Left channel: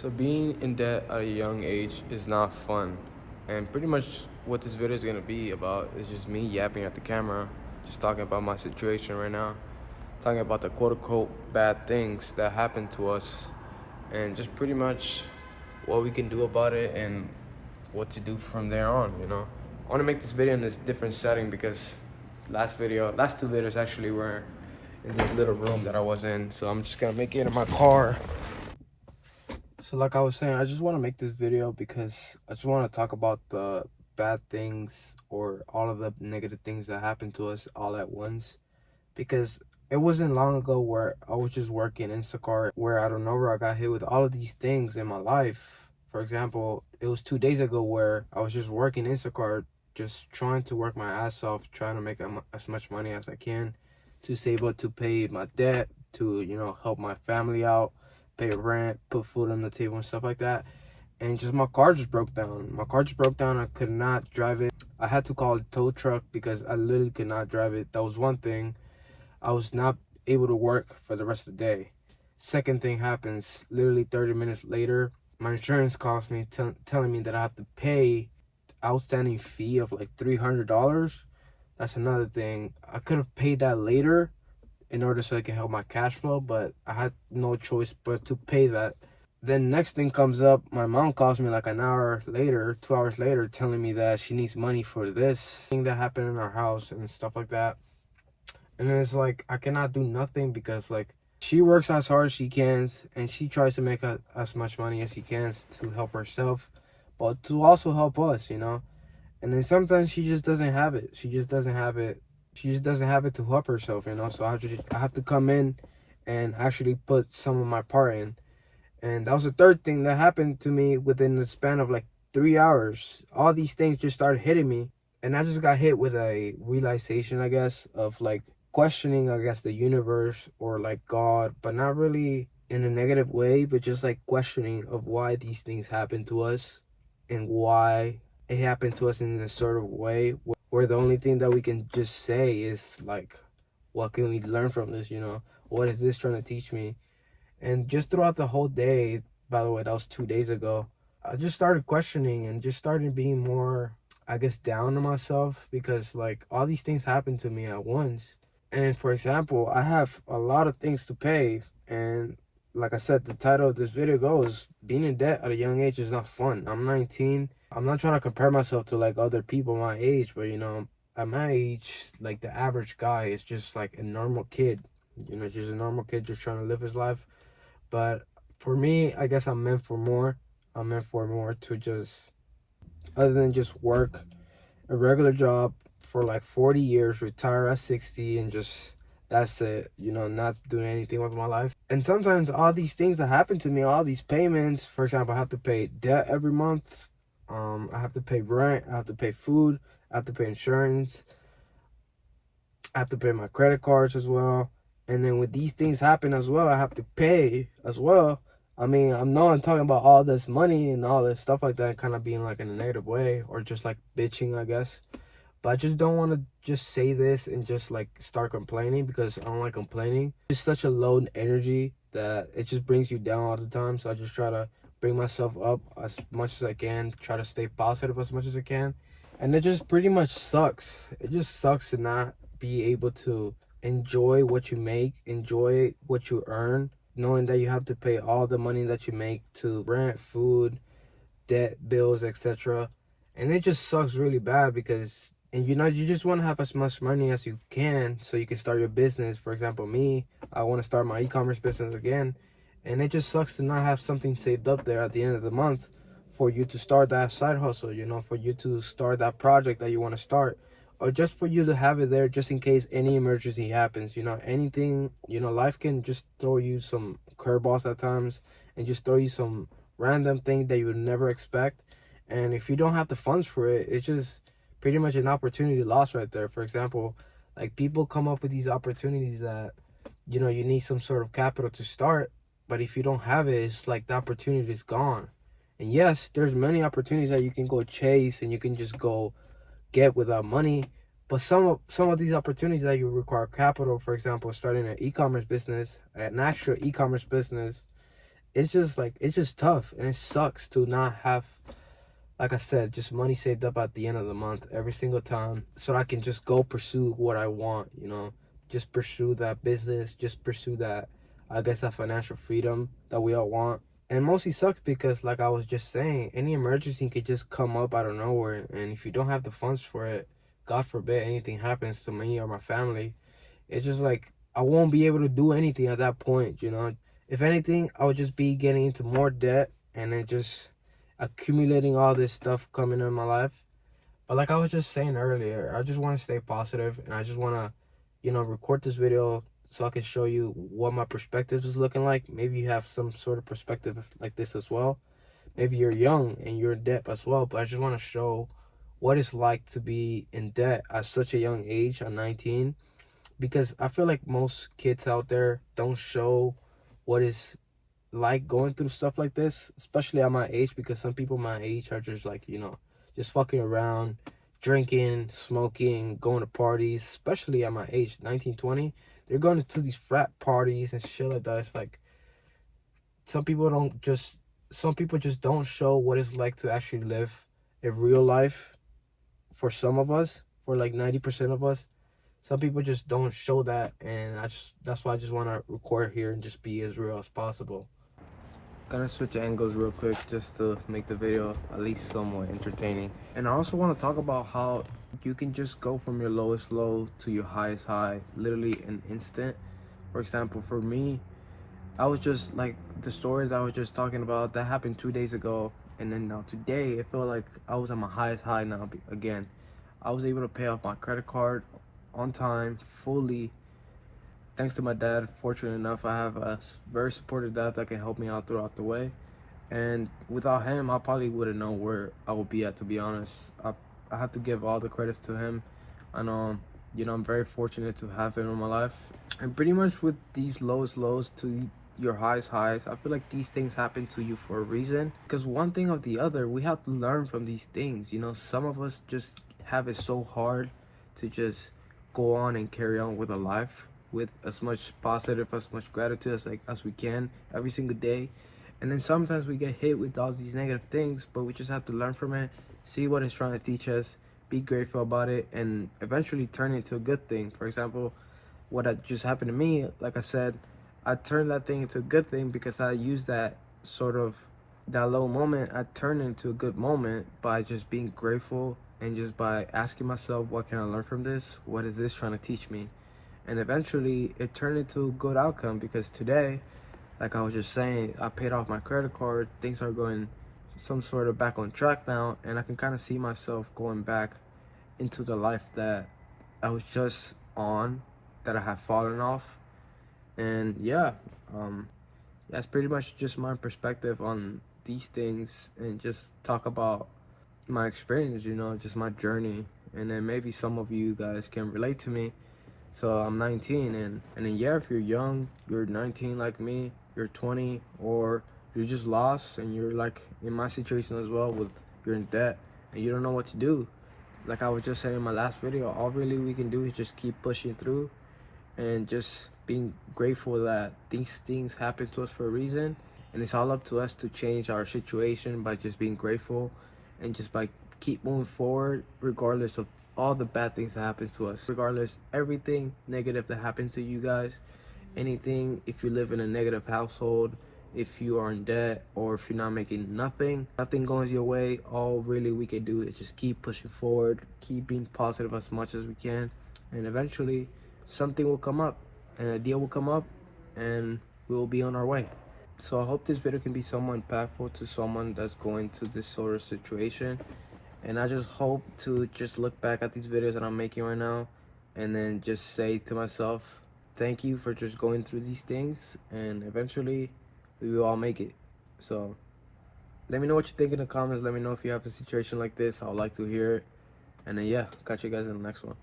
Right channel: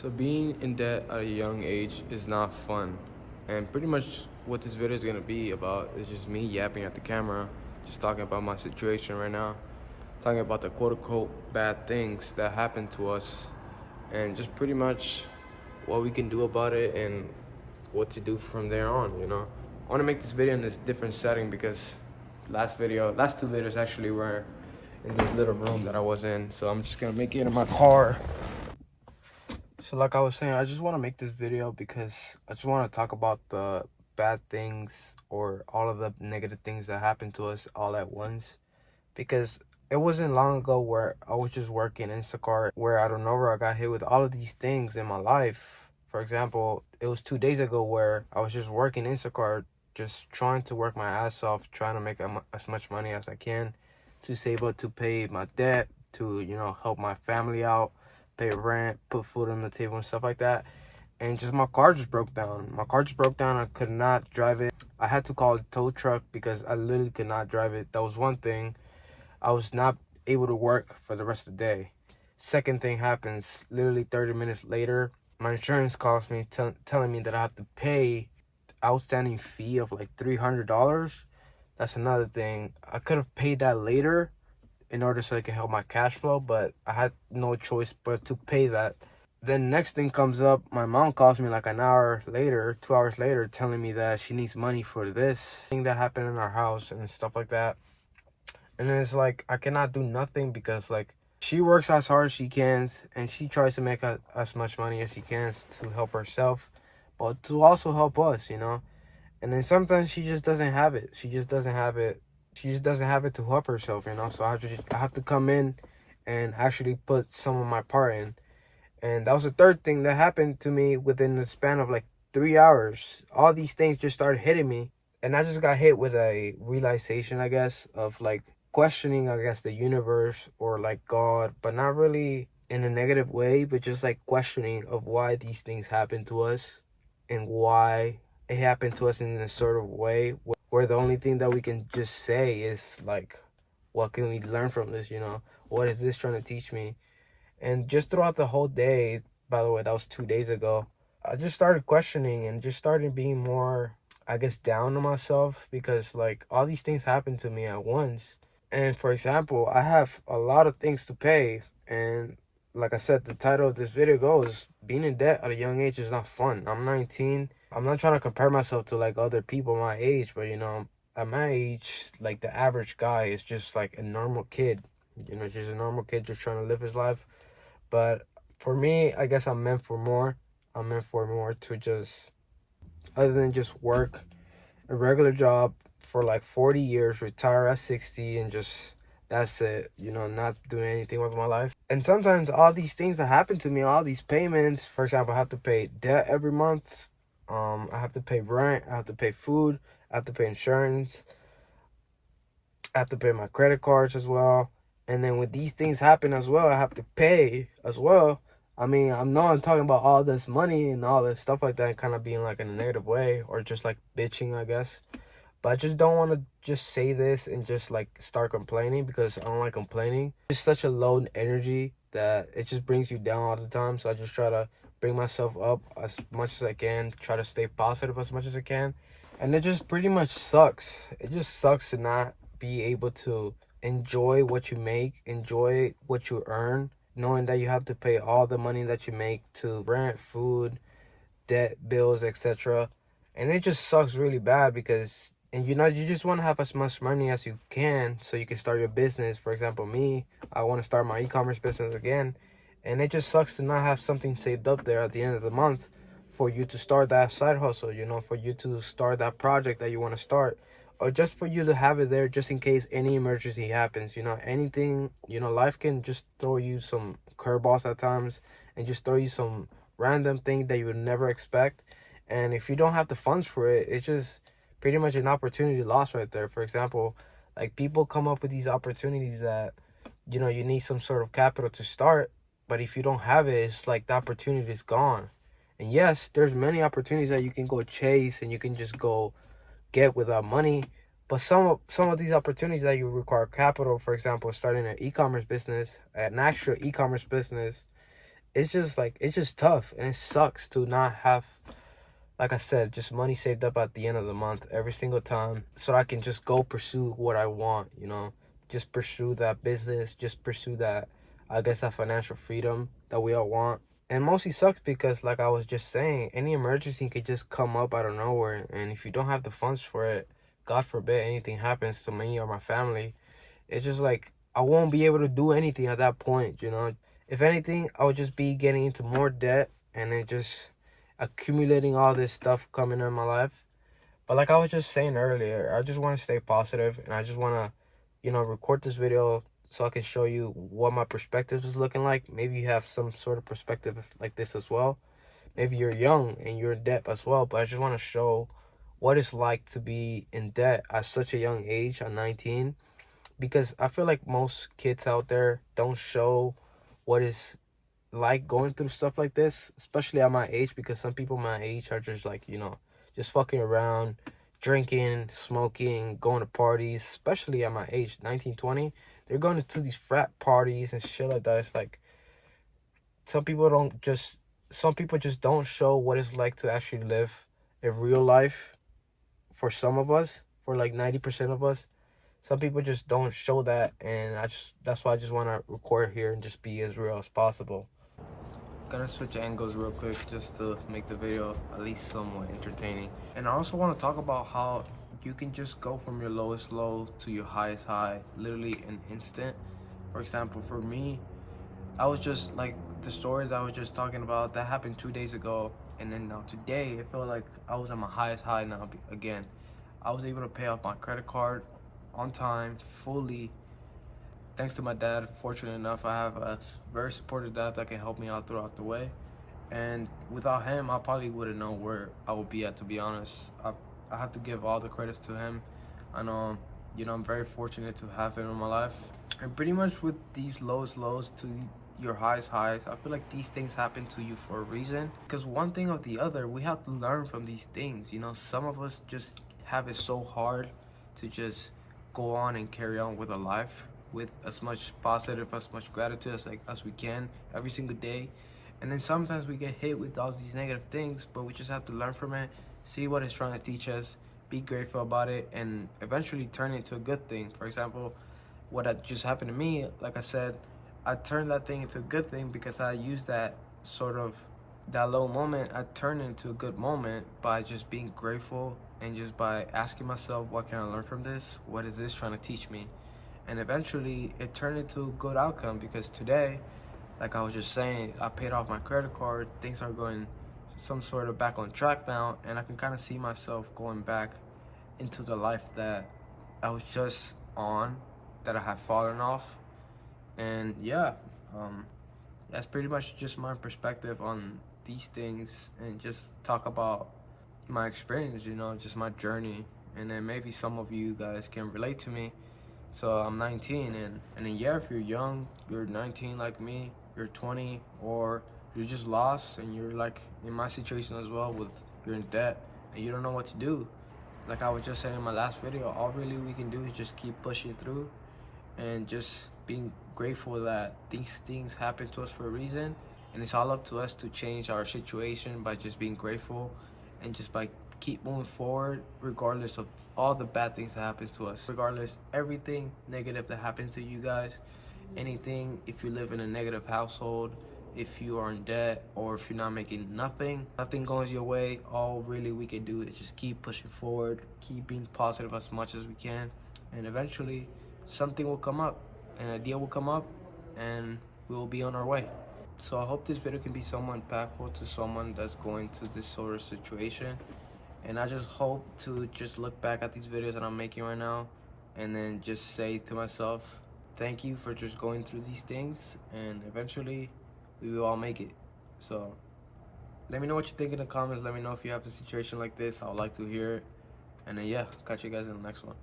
So being in debt at a young age is not fun. And pretty much what this video is gonna be about is just me yapping at the camera, just talking about my situation right now, talking about the quote unquote bad things that happen to us, and just pretty much what we can do about it and what to do from there on. I wanna make this video in this different setting because last two videos actually were in this little room that I was in. So I'm just gonna make it in my car. So like I was saying, I just want to make this video because I just want to talk about the bad things or all of the negative things that happen to us all at once. Because it wasn't long ago where I was just working Instacart, where out of nowhere I got hit with all of these things in my life. For example, it was 2 days ago where I was just working Instacart, just trying to work my ass off, trying to make as much money as I can to save up to pay my debt, to, help my family out, pay rent, put food on the table and stuff like that. And just my car just broke down. I could not drive it. I had to call a tow truck because I literally could not drive it. That was one thing. I was not able to work for the rest of the day. Second thing happens, literally 30 minutes later, my insurance calls me telling me that I have to pay outstanding fee of like $300. That's another thing. I could have paid that later in order so it can help my cash flow, but I had no choice but to pay that. Then next thing comes up, my mom calls me like an hour later, 2 hours later, telling me that she needs money for this thing that happened in our house and stuff like that. And it's like, I cannot do nothing because like, she works as hard as she can and she tries to make as much money as she can to help herself, but to also help us. And then sometimes she just doesn't have it. She just doesn't have it to help herself, So I have to come in and actually put some of my part in. And that was the third thing that happened to me within the span of like 3 hours. All these things just started hitting me. And I just got hit with a realization, I guess, of like questioning, I guess, the universe or like God, but not really in a negative way, but just like questioning of why these things happen to us and why it happened to us in a sort of way where the only thing that we can just say is like, what can we learn from this? What is this trying to teach me? And just throughout the whole day, by the way, that was 2 days ago, I just started questioning and just started being more, I guess, down on myself because like all these things happened to me at once. And for example, I have a lot of things to pay. And like I said, the title of this video goes, being in debt at a young age is not fun. I'm 19. I'm not trying to compare myself to like other people my age, but at my age, like the average guy is just like a normal kid, just a normal kid just trying to live his life. But for me, I guess I'm meant for more. I'm meant for more to just, other than just work a regular job for like 40 years, retire at 60, and just, that's it, not doing anything with my life. And sometimes all these things that happen to me, all these payments, for example, I have to pay debt every month. I have to pay rent. I have to pay food. I have to pay insurance. I have to pay my credit cards as well. And then when these things happen as well, I have to pay as well. I mean, I'm talking about all this money and all this stuff like that kind of being like in a negative way or just like bitching, I guess. But I just don't want to just say this and just like start complaining because I don't like complaining. It's such a low energy that it just brings you down all the time. So I just try to bring myself up as much as I can, try to stay positive as much as I can. And it just pretty much sucks. It just sucks to not be able to enjoy what you make, enjoy what you earn, knowing that you have to pay all the money that you make to rent, food, debt, bills, etc. And it just sucks really bad because, and you just want to have as much money as you can so you can start your business. For example, me, I want to start my e-commerce business again. And it just sucks to not have something saved up there at the end of the month for you to start that side hustle, for you to start that project that you want to start, or just for you to have it there just in case any emergency happens. Anything, life can just throw you some curveballs at times and just throw you some random thing that you would never expect. And if you don't have the funds for it, it's just pretty much an opportunity lost right there. For example, like people come up with these opportunities that, you need some sort of capital to start. But if you don't have it, it's like the opportunity is gone. And yes, there's many opportunities that you can go chase and you can just go get without money. But some of these opportunities that you require capital, for example, starting an e-commerce business, an actual e-commerce business, it's just like, it's just tough, and it sucks to not have, like I said, just money saved up at the end of the month every single time, so I can just go pursue what I want, you know, just pursue that business, just pursue that, I guess, that financial freedom that we all want. And mostly sucks because, like I was just saying, any emergency could just come up out of nowhere, and if you don't have the funds for it, God forbid anything happens to me or my family, it's just like I won't be able to do anything at that point, you know. If anything, I'll just be getting into more debt and then just accumulating all this stuff coming in my life. But like I was just saying earlier, I just want to stay positive, and I just want to, you know, record this video so I can show you what my perspective is looking like. Maybe you have some sort of perspective like this as well. Maybe you're young and you're in debt as well, but I just want to show what it's like to be in debt at such a young age, at 19, because I feel like most kids out there don't show what it's like going through stuff like this, especially at my age, because some people my age are just like, you know, just fucking around, drinking, smoking, going to parties, especially at my age, 19, 20. They're going to these frat parties and shit like that. It's like some people don't just, some people just don't show what it's like to actually live a real life for some of us, for like 90% of us. Some people just don't show that, and that's why I just want to record here and just be as real as possible. Gonna switch angles real quick just to make the video at least somewhat entertaining. And I also want to talk about how you can just go from your lowest low to your highest high literally in instant. For example, for me, I was just like the stories I was just talking about that happened 2 days ago, and then now today it felt like I was at my highest high now again. I was able to pay off my credit card on time, fully, thanks to my dad. Fortunate enough, I have a very supportive dad that can help me out throughout the way. And without him, I probably wouldn't know where I would be at, to be honest. I have to give all the credits to him. I know, you know, I'm very fortunate to have him in my life. And pretty much with these lowest lows to your highest highs, I feel like these things happen to you for a reason. Because one thing or the other, we have to learn from these things. You know, some of us just have it so hard to just go on and carry on with a life with as much positive, as much gratitude as we can every single day. And then sometimes we get hit with all these negative things, but we just have to learn from it, see what it's trying to teach us, be grateful about it, and eventually turn it into a good thing. For example, what had just happened to me, like I said, I turned that thing into a good thing because I used that sort of, that low moment, I turned it into a good moment by just being grateful and just by asking myself, what can I learn from this? What is this trying to teach me? And eventually it turned into a good outcome because today, like I was just saying, I paid off my credit card. Things are going some sort of back on track now, and I can kind of see myself going back into the life that I was just on, that I had fallen off. And yeah, that's pretty much just my perspective on these things, and just talk about my experience, you know, just my journey. And then maybe some of you guys can relate to me. So I'm 19, and then yeah, if you're young, you're 19 like me, you're 20, or you're just lost and you're like in my situation as well, with you're in debt and you don't know what to do. Like I was just saying in my last video, all really we can do is just keep pushing through and just being grateful that these things happen to us for a reason. And it's all up to us to change our situation by just being grateful and just by keep moving forward regardless of all the bad things that happen to us, regardless everything negative that happened to you guys, anything, if you live in a negative household, if you are in debt, or if you're not making nothing goes your way, all really we can do is just keep pushing forward, keep being positive as much as we can, and eventually something will come up, an idea will come up, and we will be on our way. So I hope this video can be somewhat impactful to someone that's going to this sort of situation. And I just hope to just look back at these videos that I'm making right now and then just say to myself, thank you for just going through these things, and eventually we will all make it. So let me know what you think in the comments. Let me know if you have a situation like this. I would like to hear it. And then yeah, catch you guys in the next one.